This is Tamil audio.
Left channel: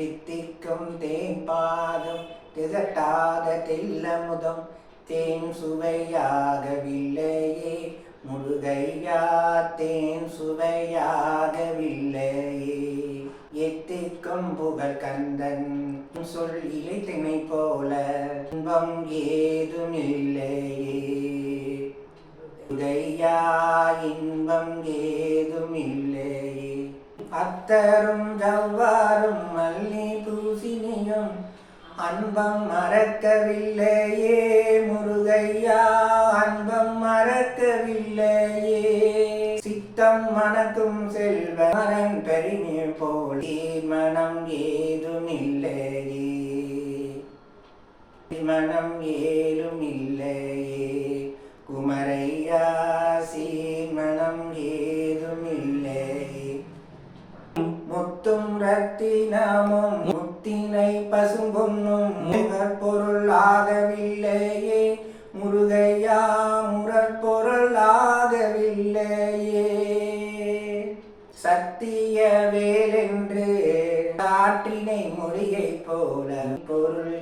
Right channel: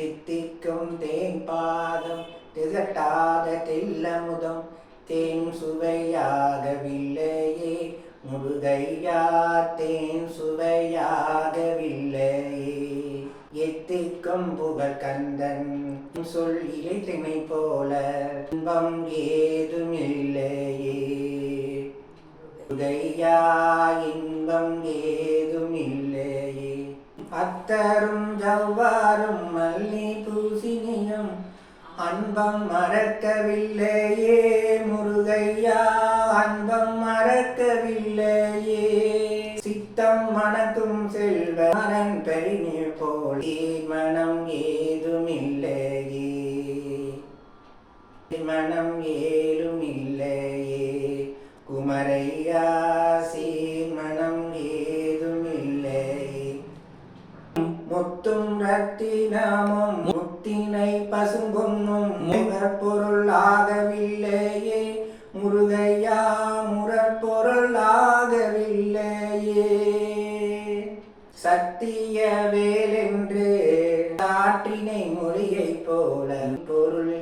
தித்திக்கும் தேன் பாதம் திகட்டாத தெல்லமுதம் தேன் சுவையாகவில்லையே முருகையா, தேன் சுவையாகவில்லையே. எத்திக்கும் புகழ் கந்தன் சொல் இலை திணை போல இன்பம் ஏதும் இல்லையே. முருகையா, இன்பம் ஏதும் இல்லையே. அத்தரும் ஜவ்வாரும் மல்லி பூசினியும் அன்பம் மறக்கவில்லையே முருகையா, அன்பம் மறக்கவில்லையே. சித்தம் மணக்கும் செல்வரன் பெரிநீர் போல் மனம் ஏதும் இல்லையே, மனம் ஏதும் இல்லையே. குமரையா, சீமனம் ஏதும் இல்லையே. முத்தும் ரத்தினமும் முத்தினை பசும்பொன்னும் முகப்பொருளாகவில்லையே முருகையா, முரப்பொருளாகவில்லையே. சத்திய வேலென்று காற்றினை மொழியை போல பொருள்